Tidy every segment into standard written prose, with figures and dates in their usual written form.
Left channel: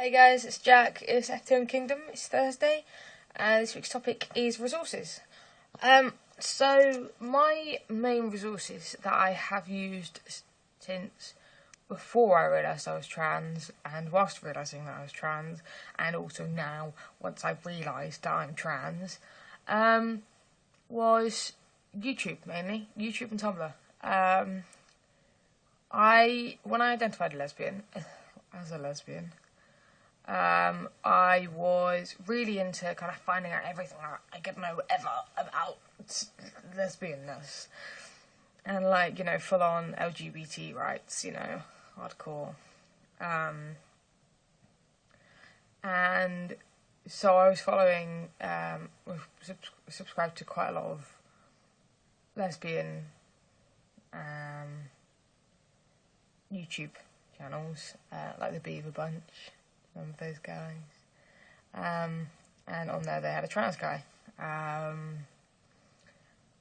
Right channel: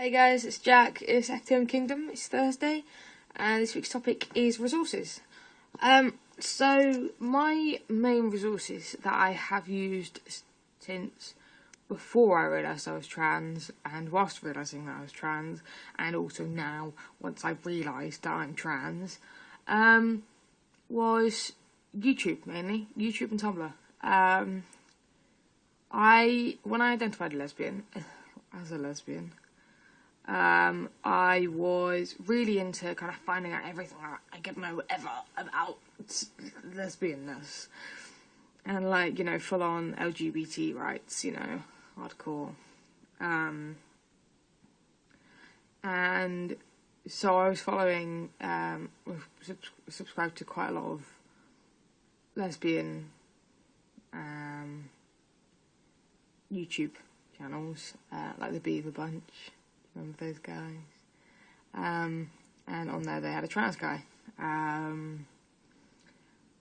Hey guys, it's Jack. It's FTMKingdom. It's Thursday, and this week's topic is resources. So my main resources that I have used since before I realised I was trans, and whilst realising that I was trans, and also now once I've realised that I'm trans, was YouTube mainly, YouTube and Tumblr. When I identified as a lesbian. I was really into kind of finding out everything I could know ever about lesbianness. And, like, full on LGBT rights, hardcore. And so I was following, subscribed to quite a lot of lesbian YouTube channels, like the Beaver Bunch. Remember those guys? And on there they had a trans guy.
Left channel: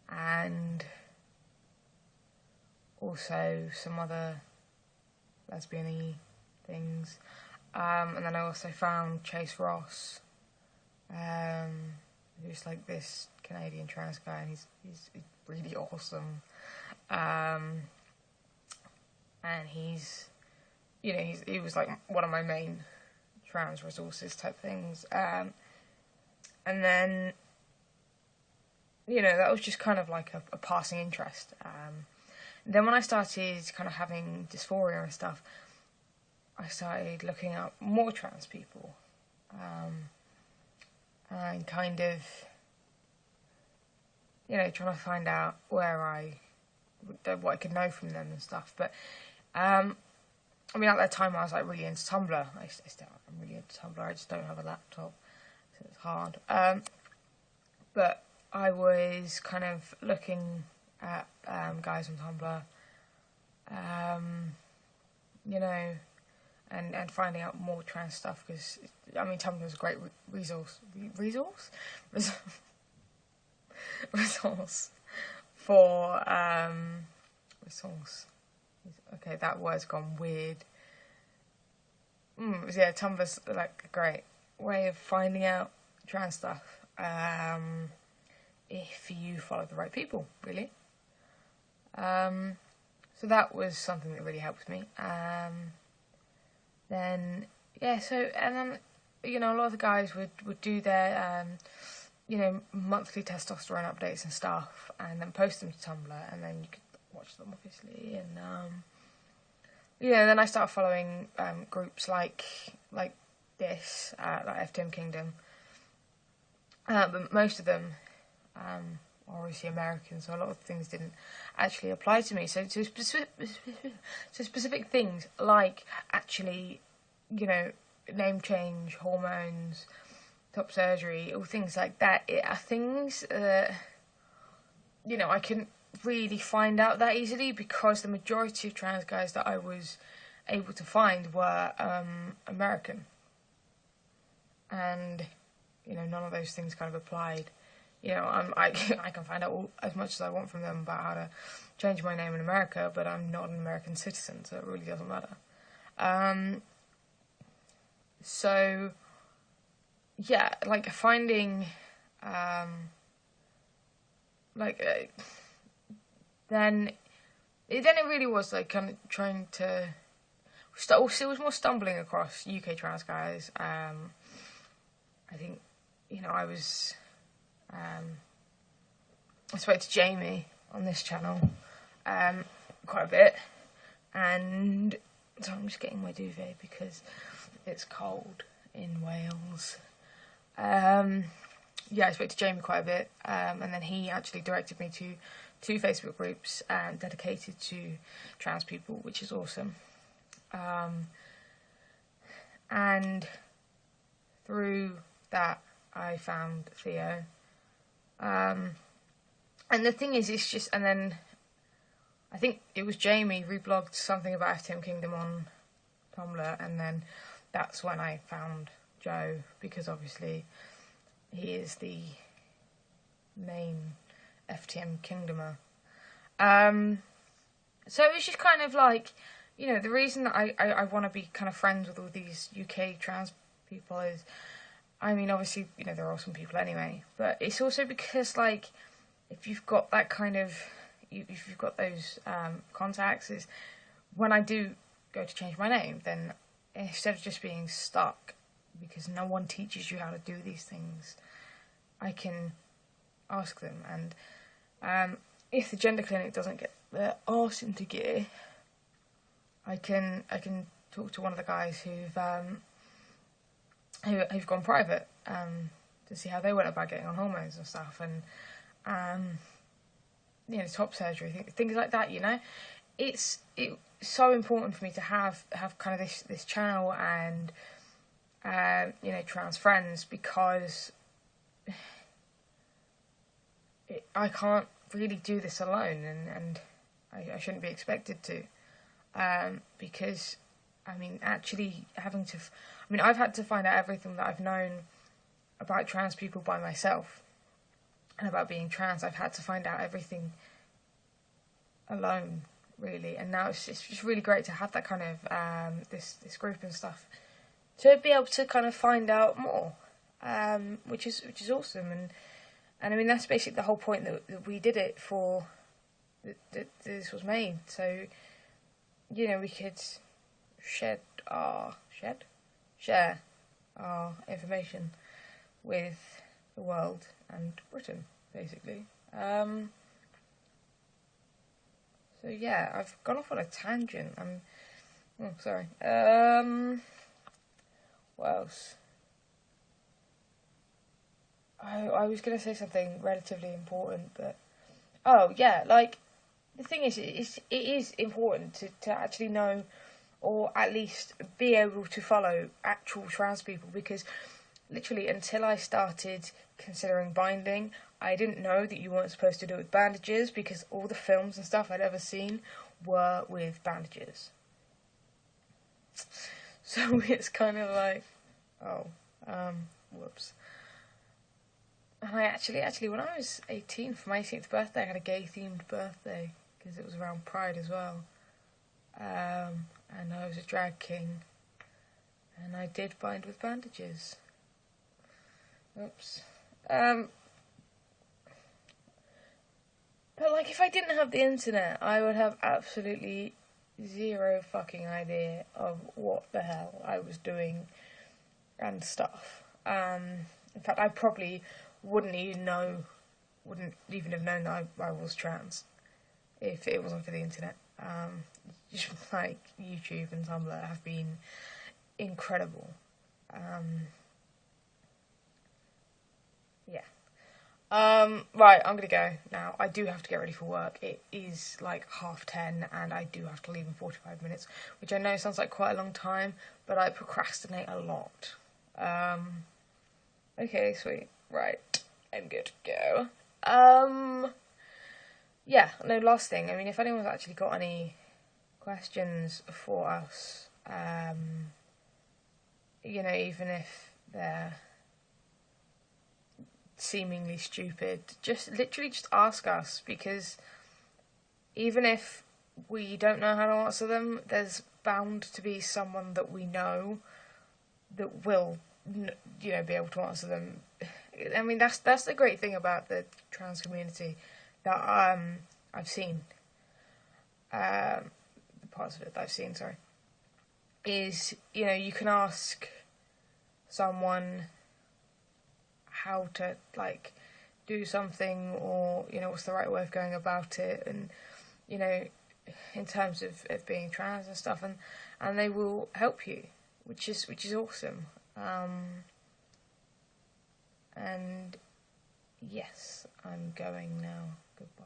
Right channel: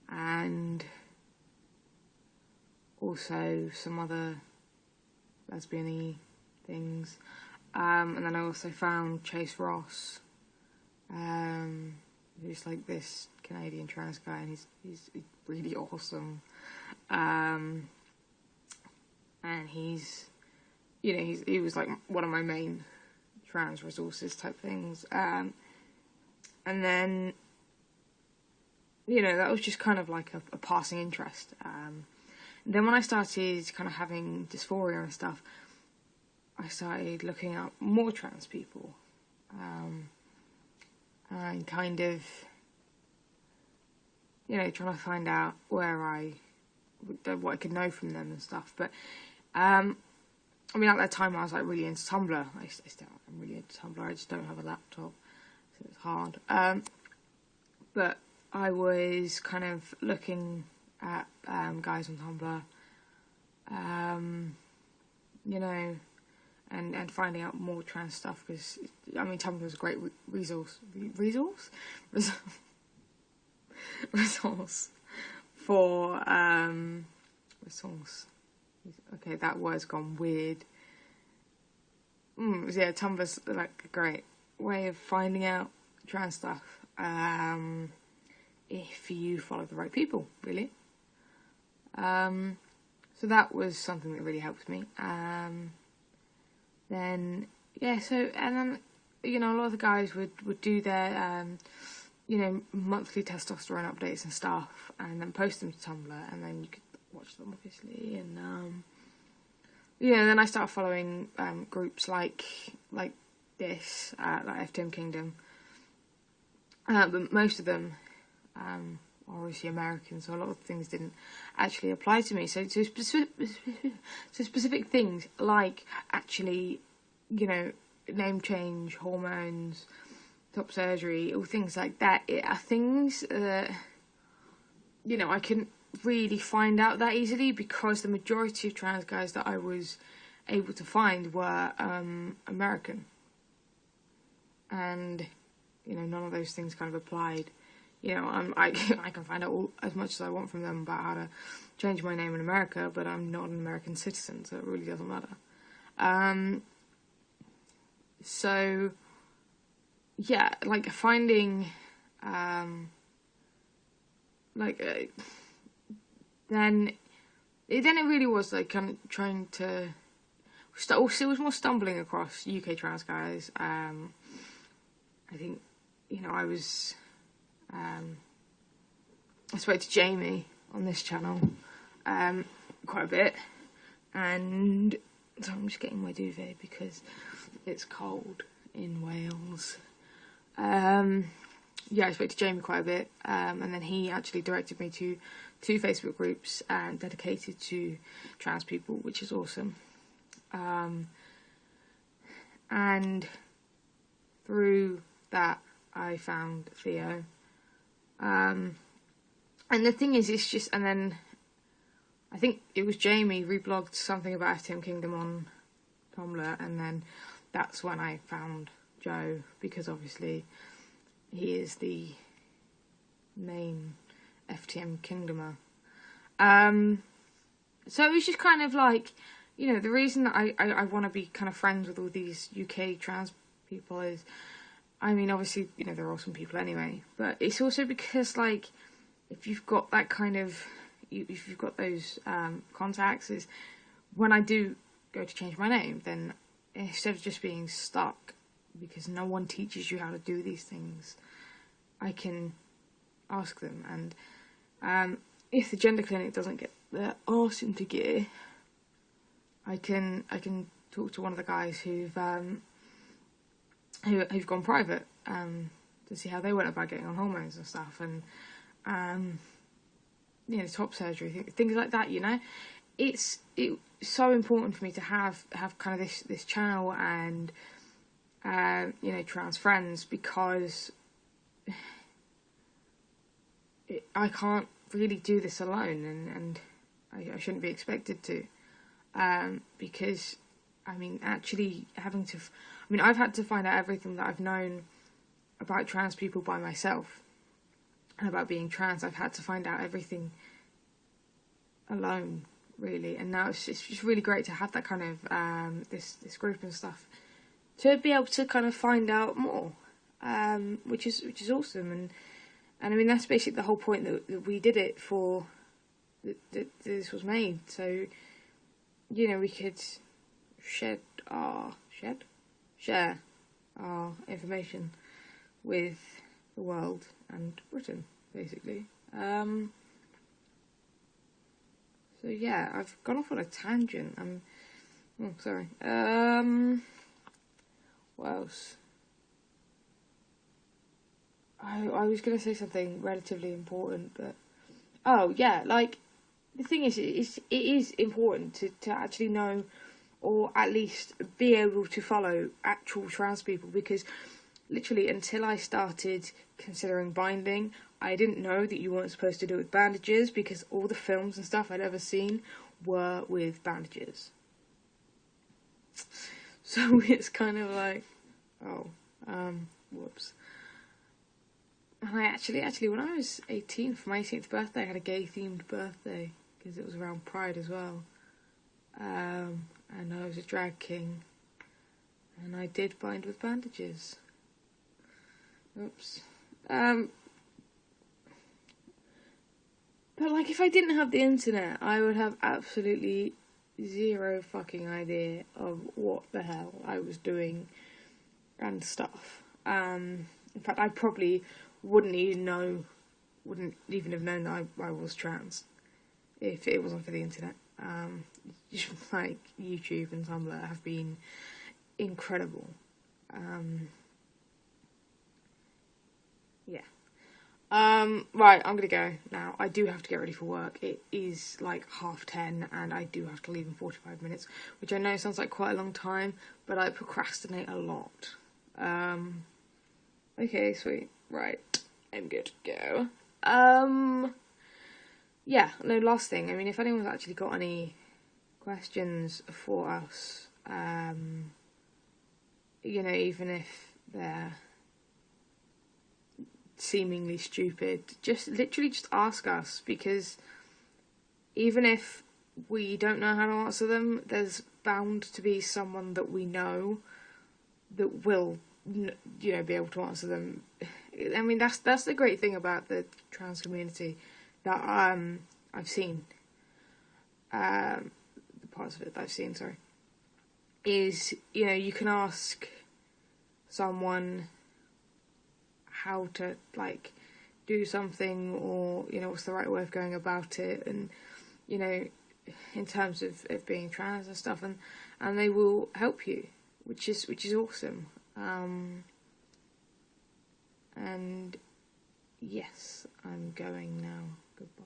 And also some other lesbian-y things. And then I also found Chase Ross, who's like this Canadian trans guy, and he's really awesome. And he was like one of my main trans resources type things, and then that was just kind of like a passing interest. Then when I started kind of having dysphoria and stuff, I started looking up more trans people, and kind of trying to find out what I could know from them and stuff. But I mean, at that time I was like really into Tumblr. I'm really into Tumblr. I just don't have a laptop, so it's hard. But I was kind of looking at guys on Tumblr, and finding out more trans stuff, because I mean Tumblr is a great resource for resource. Okay, that word's gone weird. Yeah, Tumblr's like a great way of finding out trans stuff, if you follow the right people, really. So that was something that really helped me. Then a lot of the guys would do their monthly testosterone updates and stuff, and then post them to Tumblr, and then you could watch them, obviously. And then I started following groups like this, like FTMKingdom, but most of them are obviously American, so a lot of things didn't actually apply to me. So specific things like actually, name change, hormones, top surgery, all things like that, are things that I couldn't really find out that easily, because the majority of trans guys that I was able to find were American, and none of those things kind of applied. I can find out as much as I want from them about how to change my name in America, but I'm not an American citizen, so it really doesn't matter. So yeah, like finding then it really was like kind of trying to it was more stumbling across UK trans guys. I think I spoke to Jamie on this channel quite a bit, and so I'm just getting my duvet because it's cold in Wales. I spoke to Jamie quite a bit, and then he actually directed me to 2 Facebook groups dedicated to trans people, which is awesome. And through that I found Theo. And the thing is, it's just, and then I think it was Jamie reblogged something about FTMKingdom on Tumblr, and then that's when I found Joe, because obviously he is the main FTMKingdomer. So it was just kind of like you know, the reason that I want to be kind of friends with all these UK trans people is, I mean, obviously, you know, they're awesome people anyway, but it's also because, like, if you've got that kind of, if you've got those contacts, is when I do go to change my name, then instead of just being stuck, because no one teaches you how to do these things, I can ask them. And if the gender clinic doesn't get their arse into gear, I can talk to one of the guys who've gone private to see how they went about getting on hormones and stuff, and you know, top surgery, things like that. You know, it's so important for me to have kind of this channel and you know, trans friends, because I can't really do this alone, and I shouldn't be expected to, because I mean, actually having to, I mean, I've had to find out everything that I've known about trans people by myself, and about being trans, I've had to find out everything alone, really. And now it's just really great to have that kind of this group and stuff, to be able to kind of find out more, which is awesome. And I mean, that's basically the whole point that we did it for, that this was made, so you know, we could share our information with the world and Britain, basically. So yeah, I've gone off on a tangent. Sorry. What else? I was going to say something relatively important, but oh yeah, like, the thing is, it is important to actually know, or at least be able to follow actual trans people, because literally until I started considering binding, I didn't know that you weren't supposed to do it with bandages, because all the films and stuff I'd ever seen were with bandages. So it's kind of like, oh, whoops. And I actually, when I was 18, for my 18th birthday, I had a gay-themed birthday, because it was around Pride as well. And I was a drag king, and I did bind with bandages. Oops. But like, if I didn't have the internet, I would have absolutely zero fucking idea of what the hell I was doing and stuff. In fact, I probably wouldn't even have known that I was trans if it wasn't for the internet. Just like YouTube and Tumblr have been incredible. Yeah. Right, I'm gonna go now. I do have to get ready for work. It is like 10:30, and I do have to leave in 45 minutes, which I know sounds like quite a long time, but I procrastinate a lot. Okay, sweet. Right, I'm good to go. Yeah, no, last thing. I mean, if anyone's actually got any questions for us, you know, even if they're seemingly stupid, just ask us, because even if we don't know how to answer them, there's bound to be someone that we know that will, you know, be able to answer them. I mean, that's the great thing about the trans community that I've seen, the parts of it that I've seen, sorry, is, you know, you can ask someone how to, like, do something, or, you know, what's the right way of going about it, and, you know, in terms of being trans and stuff, and they will help you, which is awesome. And yes, I'm going now. Goodbye.